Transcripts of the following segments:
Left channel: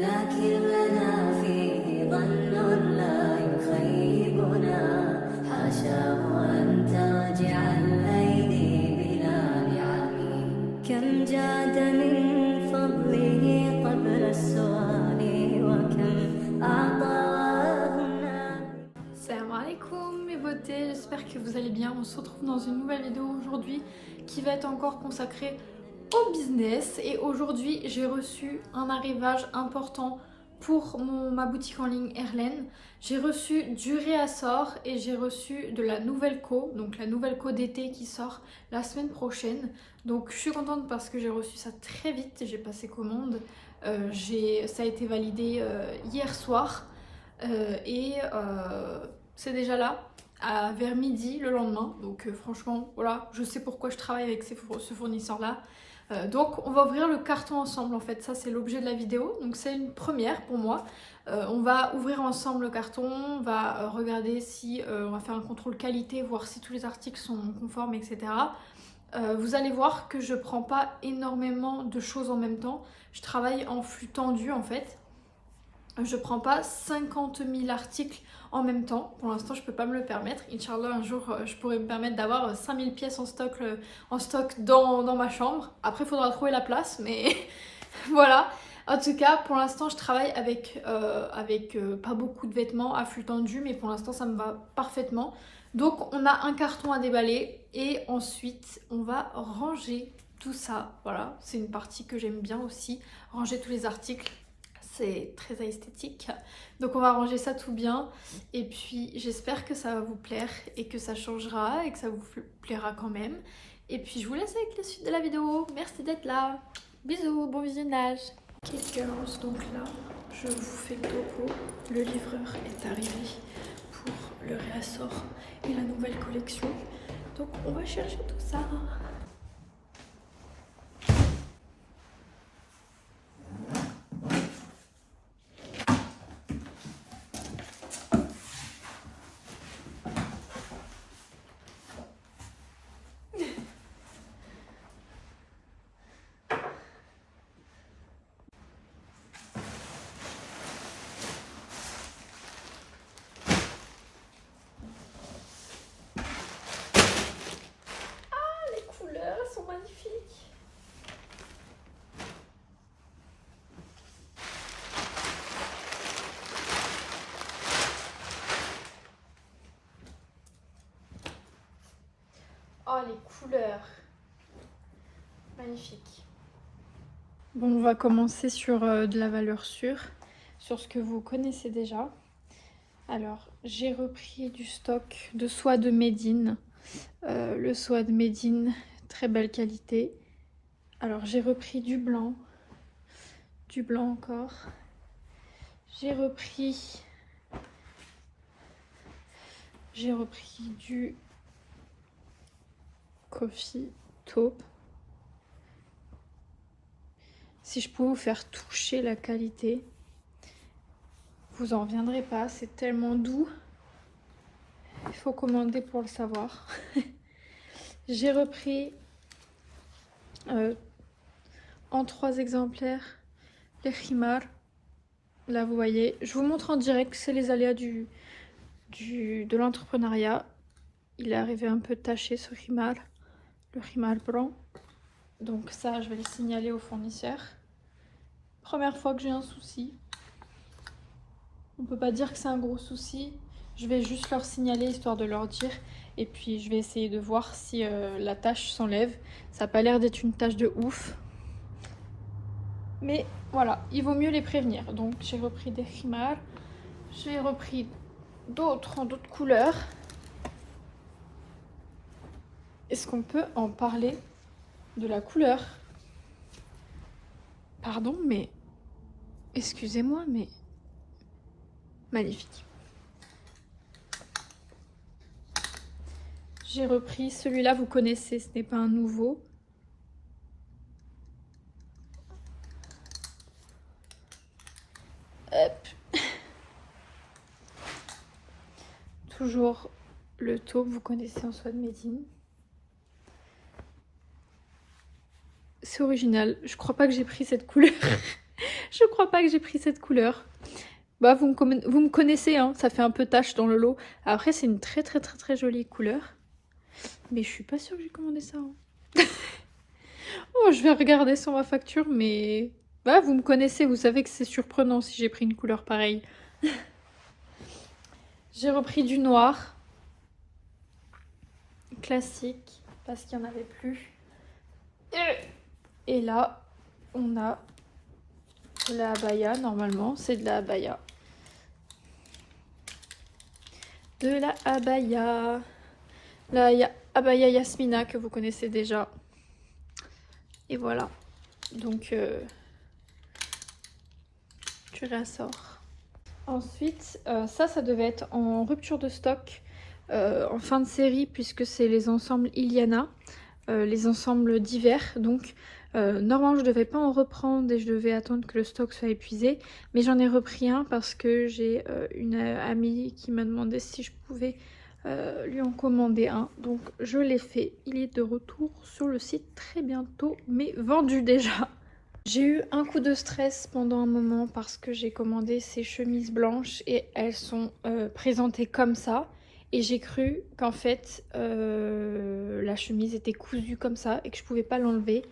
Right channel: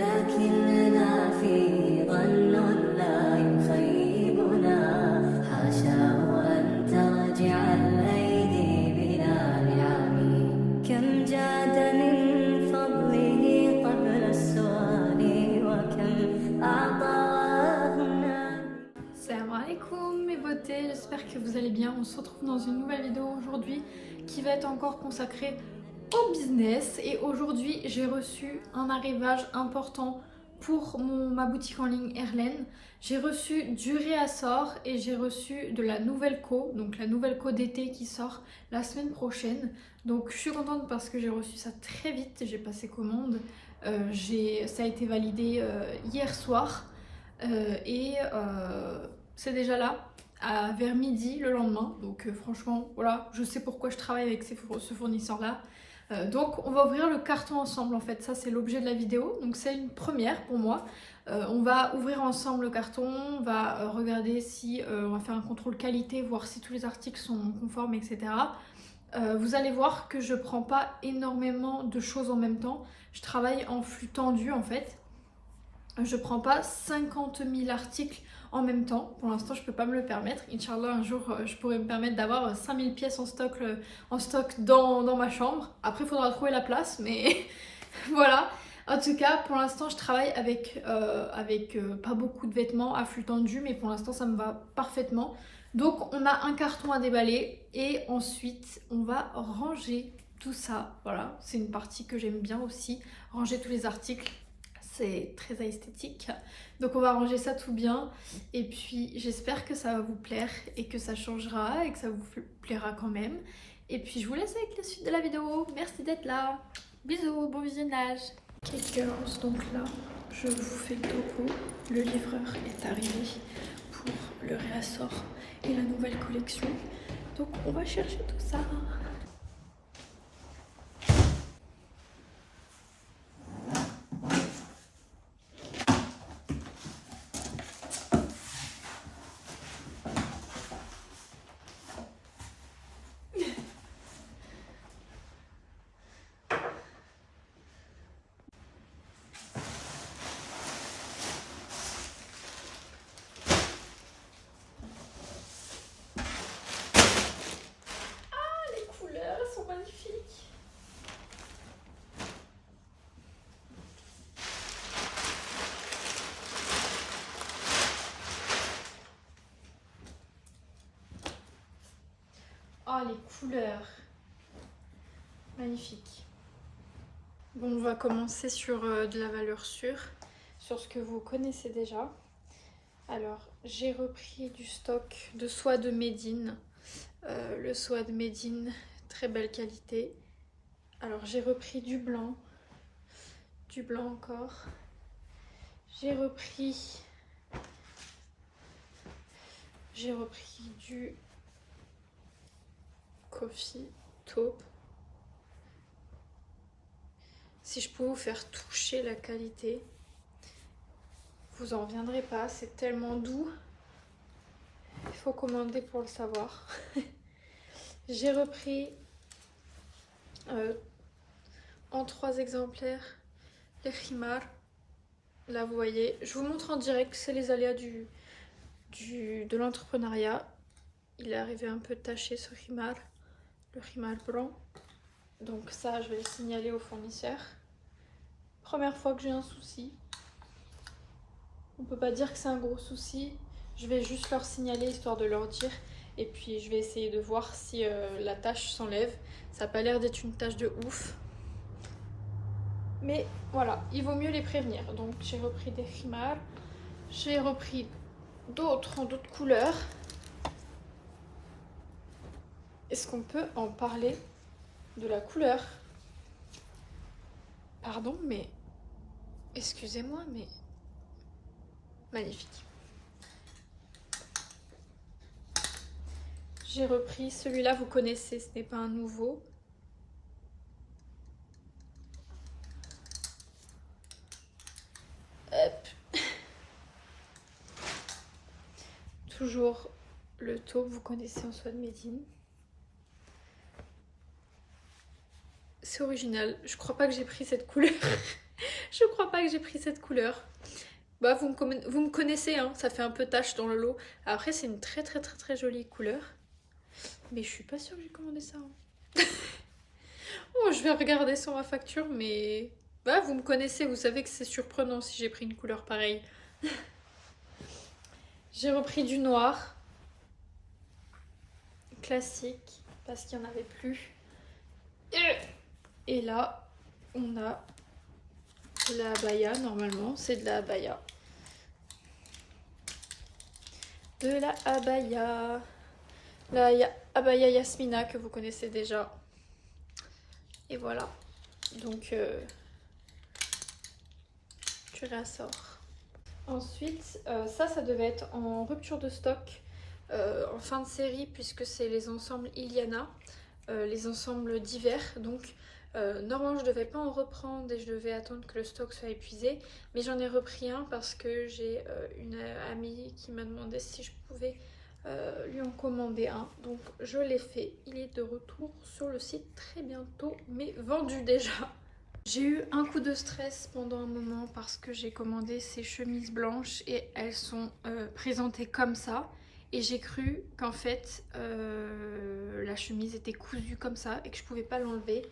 لكن لنا فيه ظن لا يخيبنا حاشاه أن ترجع الأيدي بلا نعم كم جاد من فضله قبل السؤال وكم أعطى وأغنى. Salam alaikum mes beautés, j'espère que vous allez bien. On se retrouve dans une nouvelle vidéo aujourd'hui qui va être encore consacrée au business. Et aujourd'hui j'ai reçu un arrivage important pour ma boutique en ligne Erlen. J'ai reçu du réassort et j'ai reçu de la nouvelle co, donc la nouvelle co d'été qui sort la semaine prochaine. Donc je suis contente parce que j'ai reçu ça très vite, j'ai passé commande. Ça a été validé hier soir et c'est déjà là vers midi le lendemain. Donc franchement voilà, je sais pourquoi je travaille avec ce fournisseur là. Donc on va ouvrir le carton ensemble en fait, ça c'est l'objet de la vidéo, donc c'est une première pour moi. On va ouvrir ensemble le carton, on va regarder si on va faire un contrôle qualité, voir si tous les articles sont conformes, etc. Vous allez voir que je prends pas énormément de choses en même temps, je travaille en flux tendu en fait. Je prends pas 50 000 articles en même temps. Pour l'instant, je peux pas me le permettre. Inch'Allah, un jour, je pourrais me permettre d'avoir 5000 pièces en stock dans ma chambre. Après, il faudra trouver la place, mais voilà. En tout cas, pour l'instant, je travaille avec pas beaucoup de vêtements à flux tendu, mais pour l'instant, ça me va parfaitement. Donc, on a un carton à déballer et ensuite, on va ranger tout ça. Voilà, c'est une partie que j'aime bien aussi, ranger tous les articles. C'est très esthétique. Donc on va ranger ça tout bien et puis j'espère que ça va vous plaire et que ça changera et que ça vous plaira quand même. Et puis je vous laisse avec la suite de la vidéo. Merci d'être là. Bisous, bon visionnage. Ok girls, donc là je vous fais coucou. Le livreur est arrivé pour le réassort et la nouvelle collection. Donc on va chercher tout ça. Elles sont magnifiques. Oh les couleurs. Magnifique. Bon, on va commencer sur de la valeur sûre, sur ce que vous connaissez déjà. Alors, j'ai repris du stock de soie de Médine. Le soie de Médine, très belle qualité. Alors, j'ai repris du blanc encore. J'ai repris du coffee taupe. Si je pouvais vous faire toucher la qualité, vous en reviendrez pas, c'est tellement doux. Il faut commander pour le savoir. J'ai repris en 3 exemplaires les khimars. Là vous voyez, je vous montre en direct, c'est les aléas de l'entrepreneuriat. Il est arrivé un peu taché ce khimar, le khimar blanc. Donc ça je vais le signaler au fournisseur. Première fois que j'ai un souci. On peut pas dire que c'est un gros souci. Je vais juste leur signaler histoire de leur dire. Et puis je vais essayer de voir si la tache s'enlève. Ça n'a pas l'air d'être une tache de ouf. Mais voilà, il vaut mieux les prévenir. Donc j'ai repris des khimars. J'ai repris d'autres en d'autres couleurs. Est-ce qu'on peut en parler de la couleur? Pardon, mais... Excusez-moi, mais... Magnifique. J'ai repris celui-là, vous connaissez, ce n'est pas un nouveau. Hop. Toujours le taupe, vous connaissez en soie de Médine. C'est original, je crois pas que j'ai pris cette couleur. Je crois pas que j'ai pris cette couleur. Bah, vous me connaissez, hein, ça fait un peu tache dans le lot. Après, c'est une très très très très jolie couleur. Mais je suis pas sûre que j'ai commandé ça. Hein. Oh, je vais regarder sur ma facture, mais... Bah, vous me connaissez, vous savez que c'est surprenant si j'ai pris une couleur pareille. J'ai repris du noir. Classique, parce qu'il n'y en avait plus. Et là, on a de la abaya, normalement, c'est de la abaya. De la abaya. La abaya Yasmina que vous connaissez déjà. Et voilà. Donc, tu réassors. Ensuite, ça devait être en rupture de stock en fin de série, puisque c'est les ensembles Iliana, les ensembles d'hiver. Donc, normalement, je devais pas en reprendre et je devais attendre que le stock soit épuisé. Mais j'en ai repris un parce que j'ai une amie qui m'a demandé si je pouvais lui en commander un. Donc, je l'ai fait. Il est de retour sur le site très bientôt, mais vendu déjà. J'ai eu un coup de stress pendant un moment parce que j'ai commandé ces chemises blanches et elles sont présentées comme ça. Et j'ai cru qu'en fait la chemise était cousue comme ça et que je pouvais pas l'enlever.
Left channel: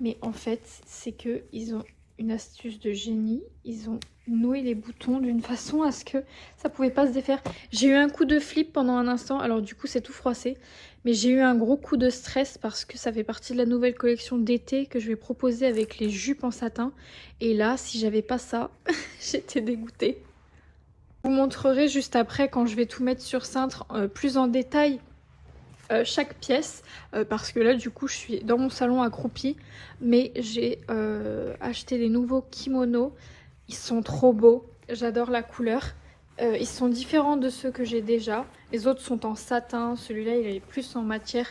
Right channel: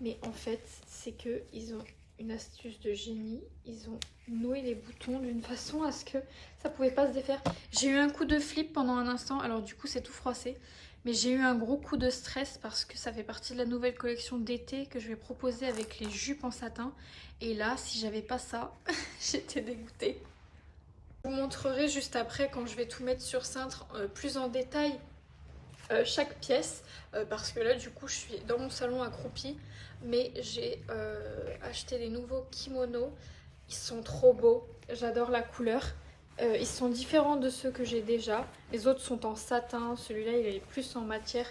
Mais en fait c'est que ils ont une astuce de génie. Ils ont noué les boutons d'une façon à ce que ça pouvait pas se défaire. J'ai eu un coup de flip pendant un instant. Alors du coup c'est tout froissé. Mais j'ai eu un gros coup de stress parce que ça fait partie de la nouvelle collection d'été que je vais proposer avec les jupes en satin. Et là, si j'avais pas ça, j'étais dégoûtée. Je vous montrerai juste après quand je vais tout mettre sur cintre plus en détail chaque pièce. Parce que là, du coup, je suis dans mon salon accroupie. Mais j'ai acheté des nouveaux kimonos. Ils sont trop beaux. J'adore la couleur. Ils sont différents de ceux que j'ai déjà. Les autres sont en satin. Celui-là, il est plus en matière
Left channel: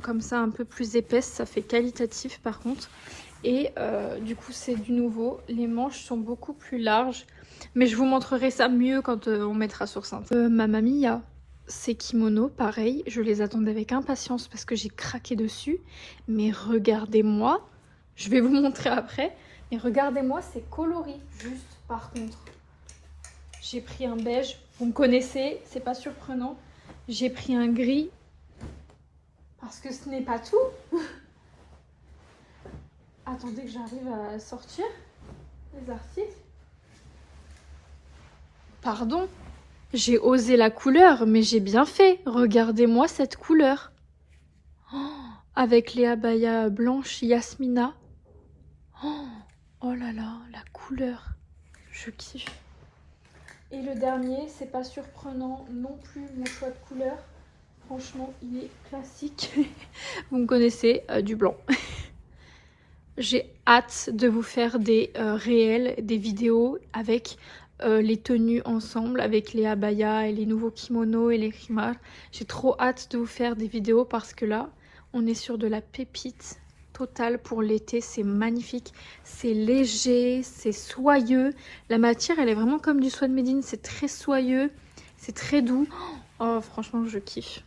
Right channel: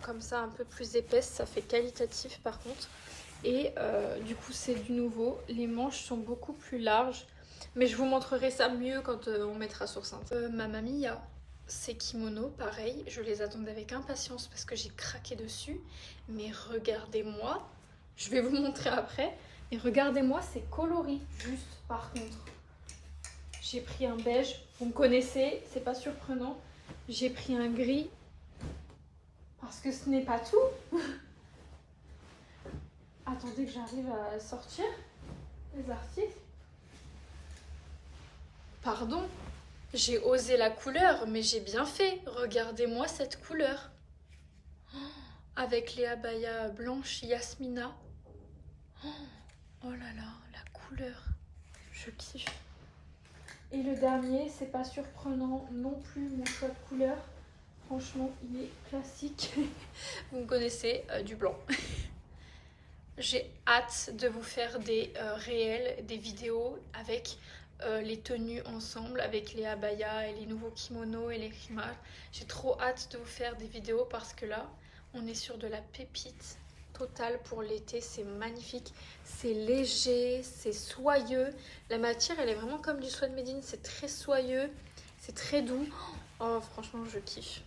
comme ça, un peu plus épaisse. Ça fait qualitatif par contre. Et du coup, c'est du nouveau. Les manches sont beaucoup plus larges. Mais je vous montrerai ça mieux quand on mettra sur cintre. Mamma Mia, ces kimonos, pareil. Je les attendais avec impatience parce que j'ai craqué dessus. Mais regardez-moi. Je vais vous montrer après. Mais regardez-moi, c'est coloris juste par contre. J'ai pris un beige, vous me connaissez, c'est pas surprenant. J'ai pris un gris, parce que ce n'est pas tout. Attendez que j'arrive à sortir les articles. Pardon, j'ai osé la couleur, mais j'ai bien fait. Regardez-moi cette couleur. Oh, avec les abayas blanches Yasmina. Oh là là, la couleur. Je kiffe. Et le dernier, c'est pas surprenant non plus mon choix de couleur. Franchement, il est classique. Vous me connaissez, du blanc. J'ai hâte de vous faire des réels, des vidéos avec les tenues ensemble, avec les abayas et les nouveaux kimonos et les khimars. J'ai trop hâte de vous faire des vidéos parce que là, on est sur de la pépite totale pour l'été. C'est magnifique, c'est léger, c'est soyeux. La matière, elle est vraiment comme du soie de Médine. C'est très soyeux, c'est très doux. Oh, franchement, je kiffe.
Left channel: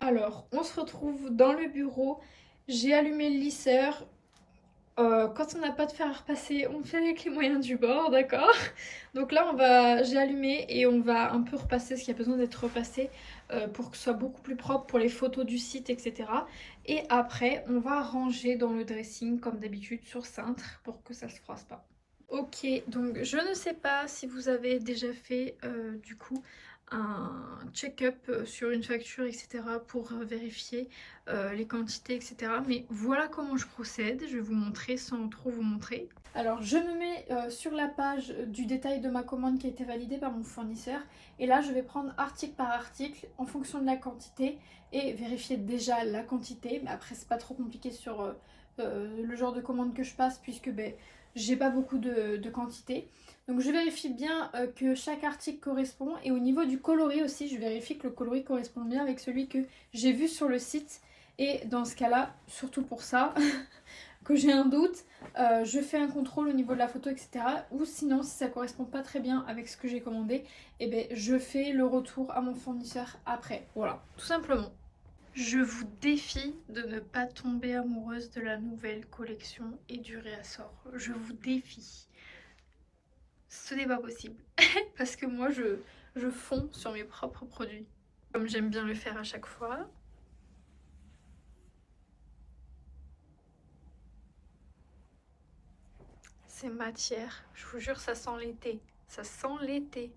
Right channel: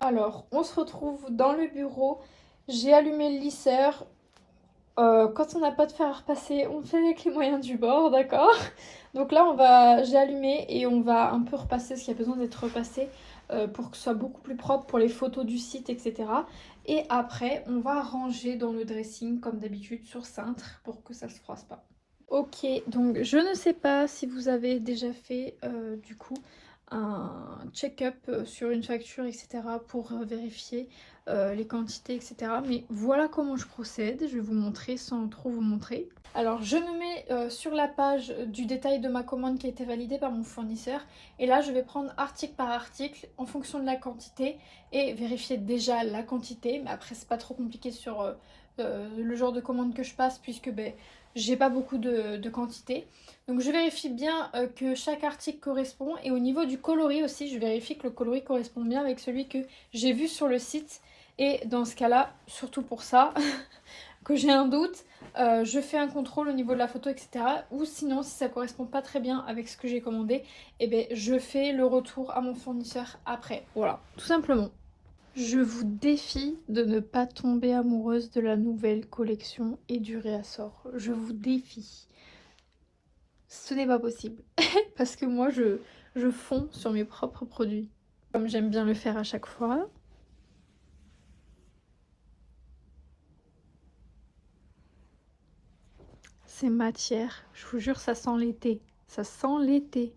Alors, on se retrouve dans le bureau. J'ai allumé le lisseur. Quand on n'a pas de fer à repasser, on fait avec les moyens du bord, d'accord? Donc là, j'ai allumé et on va un peu repasser ce qui a besoin d'être repassé pour que ce soit beaucoup plus propre pour les photos du site, etc. Et après, on va ranger dans le dressing comme d'habitude sur cintre pour que ça se froisse pas. Ok, donc je ne sais pas si vous avez déjà fait du coup un check-up sur une facture, etc. pour vérifier les quantités, etc. Mais voilà comment je procède. Je vais vous montrer sans trop vous montrer. Alors je me mets sur la page du détail de ma commande qui a été validée par mon fournisseur. Et là je vais prendre article par article en fonction de la quantité et vérifier déjà la quantité. Mais après c'est pas trop compliqué sur le genre de commande que je passe puisque j'ai pas beaucoup de quantité. Donc je vérifie bien que chaque article correspond. Et au niveau du coloris aussi, je vérifie que le coloris correspond bien avec celui que j'ai vu sur le site. Et dans ce cas-là, surtout pour ça, que j'ai un doute, je fais un contrôle au niveau de la photo, etc. Ou sinon, si ça correspond pas très bien avec ce que j'ai commandé, eh ben, je fais le retour à mon fournisseur après. Voilà, tout simplement. Je vous défie de ne pas tomber amoureuse de la nouvelle collection et du réassort. Je vous défie. Ce n'est pas possible. Parce que moi, je fonds sur mes propres produits. Comme j'aime bien le faire à chaque fois. C'est matière. Je vous jure, ça sent l'été. Ça sent l'été.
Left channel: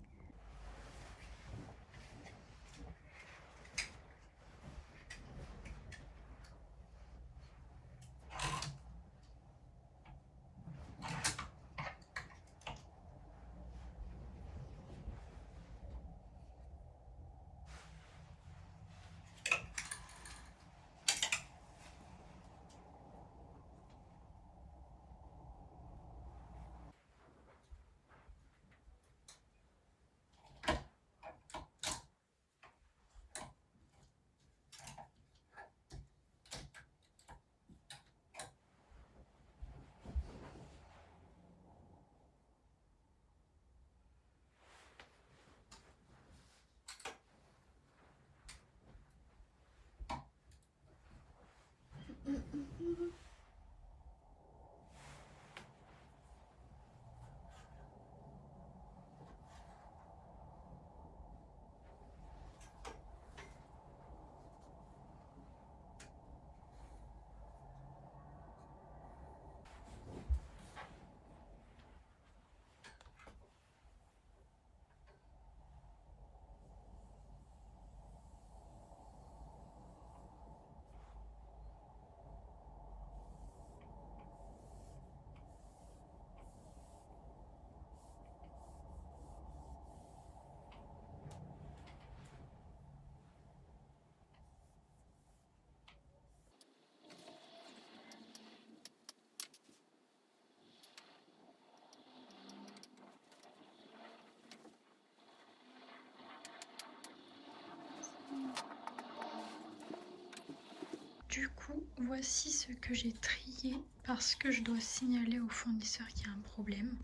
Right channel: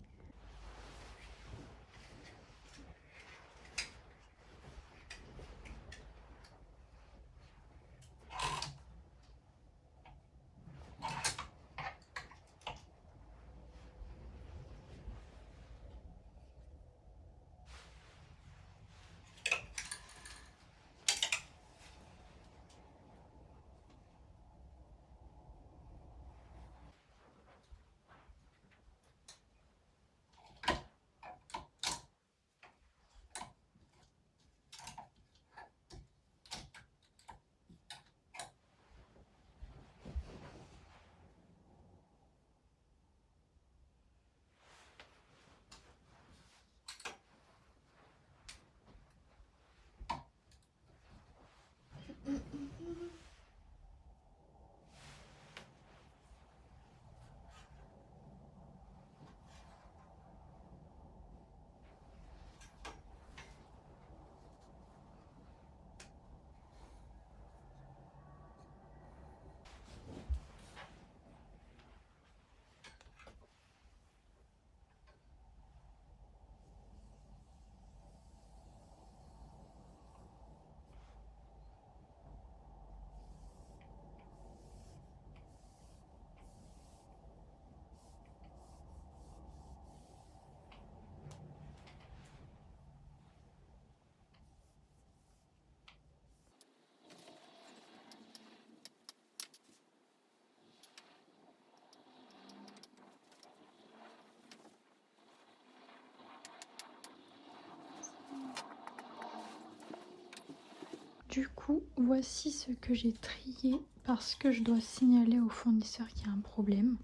Du coup, voici ce que j'ai trié parce que je dois signaler au fournisseur qu'il y a un problème.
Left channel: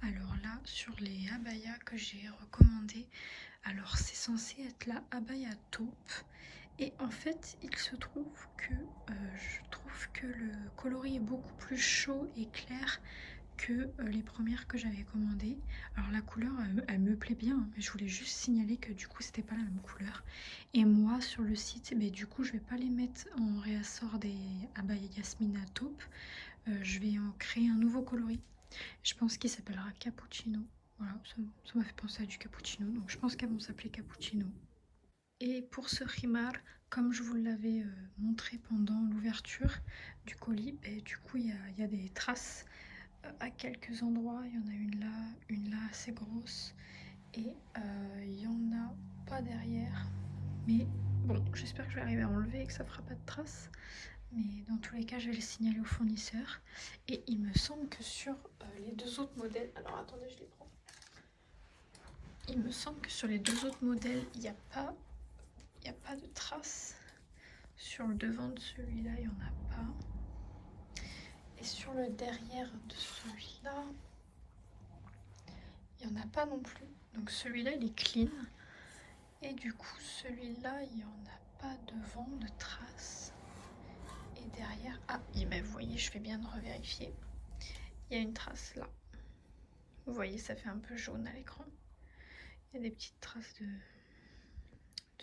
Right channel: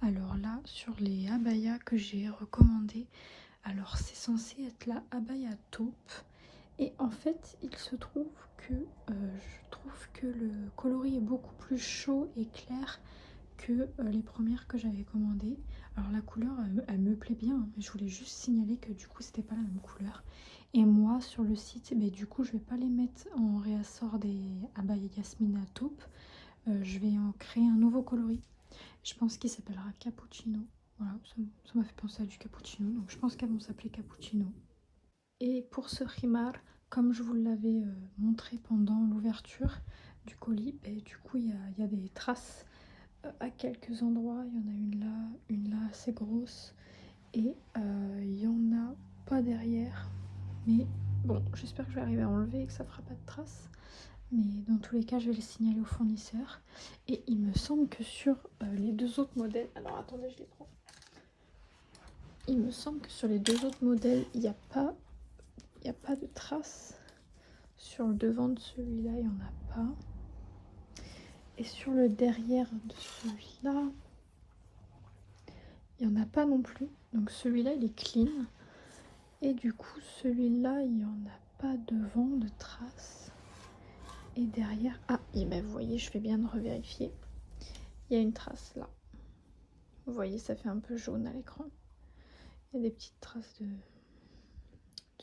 Alors là, sur les abayas que j'ai recommandées, alors c'est censé être la abaya taupe. Et en fait, il se trouve que je trouve que le coloris est beaucoup plus chaud et clair que les premières que j'avais commandées. Alors la couleur, elle me plaît bien, mais je voulais juste signaler que du coup, c'était pas la même couleur. Et moi, sur le site, du coup, je vais pas les mettre en réassort des abaya Yasmina taupe. Je vais en créer un nouveau coloris. Je pense qu'il s'appellera Cappuccino. Voilà, ça m'a fait penser à du cappuccino, donc je pense qu'elles vont s'appeler Cappuccino. Et pour ce rimar, comme je vous l'avais montré pendant l'ouverture du colis, du coup il y a des traces à quelques endroits. Il y en a une là assez grosse, et il y en a pas derrière. Mais bon, j'espère que je vais arriver à enlever et que ça fera pas de traces. Mais dans tous les cas, je vais le signaler au fournisseur. Et il me semble que sur les deux autres modèles... Alors attendez, je les prends. Il me semble que sur les deux autres modèles, il n'y a pas de traces. Sur le devant de celui-là, il n'y en a pas. Et sur le derrière de celui-là, il n'y en a pas non plus. Donc celui-là, il est clean. Et du coup, celui-là, il n'y en a pas devant de traces. Et derrière... Ah, et vous voyez, je fais bien de revérifier. Il y a une trace là. Vous voyez, ça fait un peu jaune à l'écran. Il y a des petites traces de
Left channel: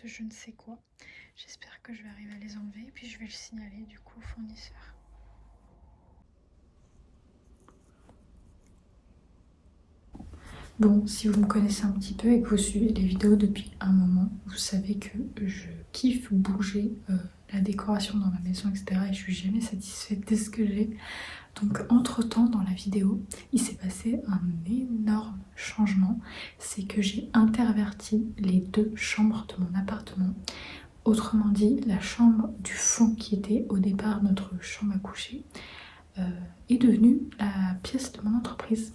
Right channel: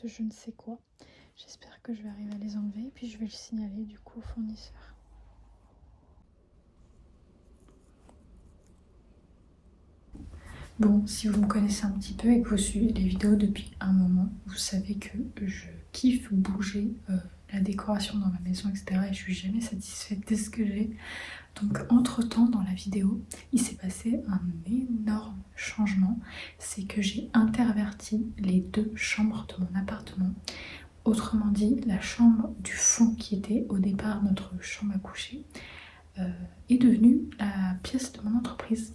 je ne sais quoi. J'espère que je vais arriver à les enlever. Et puis je vais le signaler du coup au fournisseur. Bon, si vous me connaissez un petit peu et que vous suivez les vidéos depuis un moment, vous savez que je kiffe bouger la décoration dans ma maison, etc. Et je suis jamais satisfaite de ce que j'ai. Donc entre temps dans la vidéo, il s'est passé un énorme changement. C'est que j'ai interverti les deux chambres de mon appartement. Autrement dit, la chambre du fond qui était au départ notre chambre à coucher est devenue la pièce de mon entreprise.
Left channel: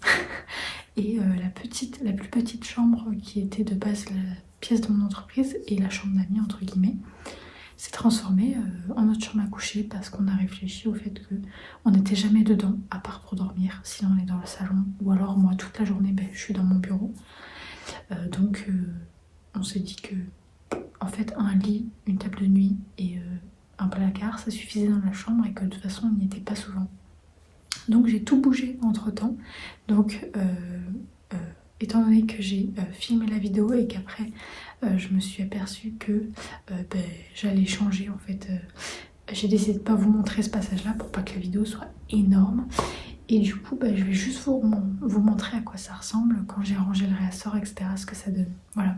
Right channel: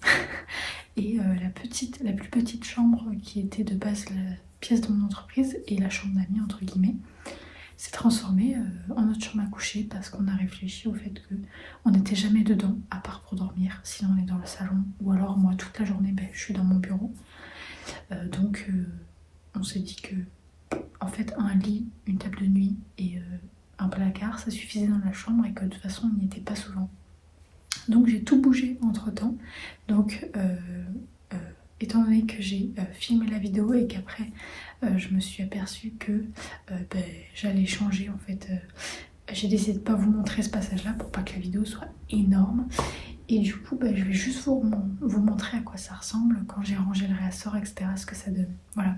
Et la plus petite chambre qui était de base la pièce de mon entreprise et la chambre d'amis entre guillemets s'est transformée en notre chambre à coucher parce qu'on a réfléchi au fait que on n'était jamais dedans à part pour dormir, sinon on est dans le salon ou alors moi toute la journée je suis dans mon bureau. Donc on s'est dit que en fait un lit, une table de nuit et un placard, ça suffisait dans la chambre et que de toute façon on n'y était pas souvent. Donc j'ai tout bougé entre temps. Donc étant donné que j'ai filmé la vidéo et qu'après je me suis aperçue que j'allais changer en fait. J'ai décidé de ne pas vous montrer ce passage là pour pas que la vidéo soit énorme. Et du coup je vais juste vous montrer à quoi ça ressemble quand j'ai rangé le réassort, etc. Ce que ça donne. Voilà.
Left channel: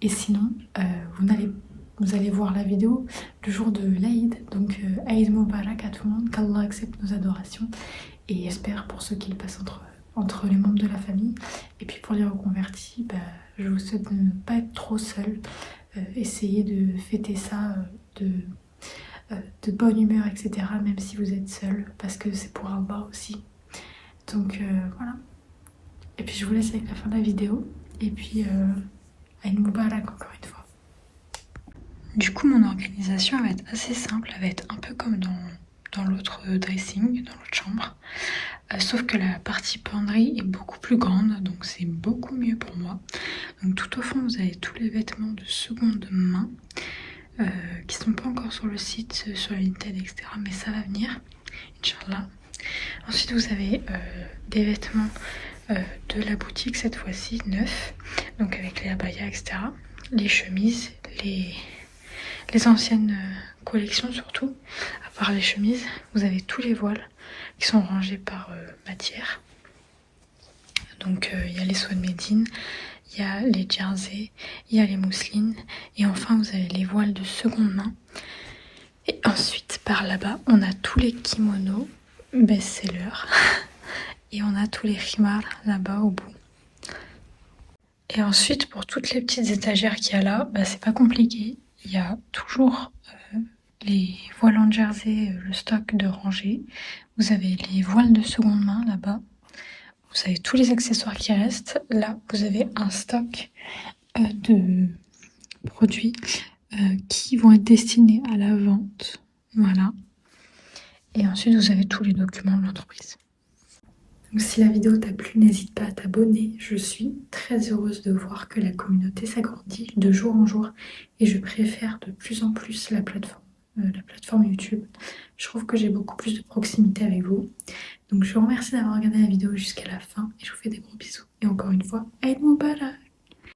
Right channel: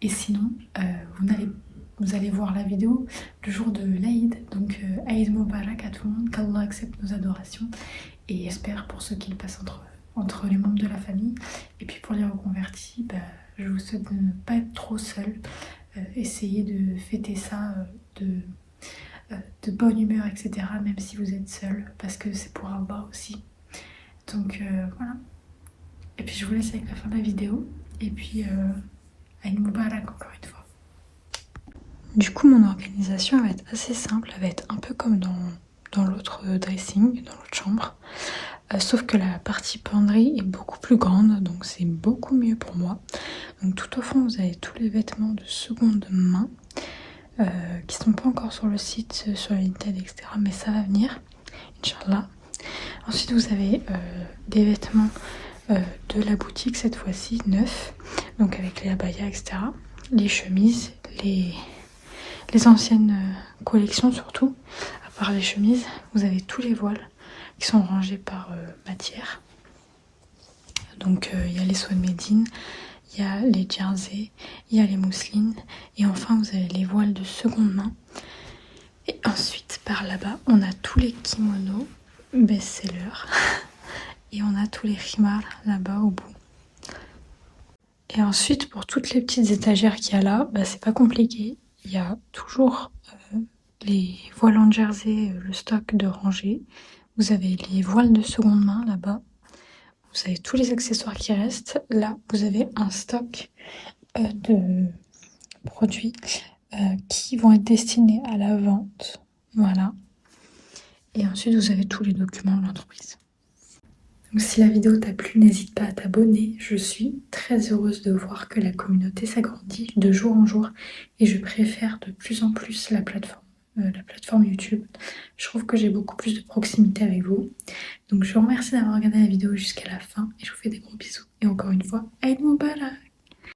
Et sinon vous allez voir la vidéo le jour de l'Aïd. Donc Aïd Mubarak à tout le monde, qu'Allah accepte nos adorations. Et espère pour ceux qui le passent entre les membres de la famille. Et puis pour les reconvertis, je vous souhaite de ne pas être trop seul. Essayez de fêter ça de bonne humeur, etc. Même si vous êtes seul, parce que c'est pour Allah aussi. Donc voilà. Et puis je vous laisse avec la fin de la vidéo. Et puis Aïd Mubarak encore une fois. Du coup mon organisation elle va être assez simple. Elle va être un peu comme dans l'autre dressing, dans l'autre chambre. Sauf que la partie penderie est beaucoup plus grande, donc c'est beaucoup mieux pour moi. Donc tout au fond, vous avez tous les vêtements de seconde main qui sont pas encore sur le site, sur Vinted, etc. Mais ça va venir, Inch'Allah. Ensuite, vous avez des vêtements de la boutique, cette fois-ci, neufs, donc avec les abayas, etc. Les chemises, les anciennes collections surtout. À part les chemises, vous avez tous les voiles qui sont rangés par matière. Donc il y a les Swan Medine, il y a les jerseys, il y a les mousselines et enfin vous avez les voiles de seconde main. Et ensuite par là-bas on a tous les kimonos best-sellers et on a tous les khimars là-bas au bout. Et ensuite pour toutes les petites étagères qu'il y a là, c'est pas compliqué, il y a toujours les voiles en jersey, le stock de rangée. Vous avez les voiles de seconde main là-bas. Vous avez tous les accessoires qui restent. Là, vous avez un stock de produits qui vont être destinés à la vente. Voilà. Et ensuite, vous avez tous les documents de l'entreprise. Donc, si la vidéo t'a plu, n'hésite pas à t'abonner. Je suis très heureuse de voir que la communauté s'agrandit de jour en jour. Et je préfère de plus en plus la plateforme YouTube. Je trouve que j'ai beaucoup plus de proximité avec vous. Donc je vous remercie d'avoir regardé la vidéo jusqu'à la fin et je vous fais des gros bisous. Et encore une fois, Aïd Mubarak!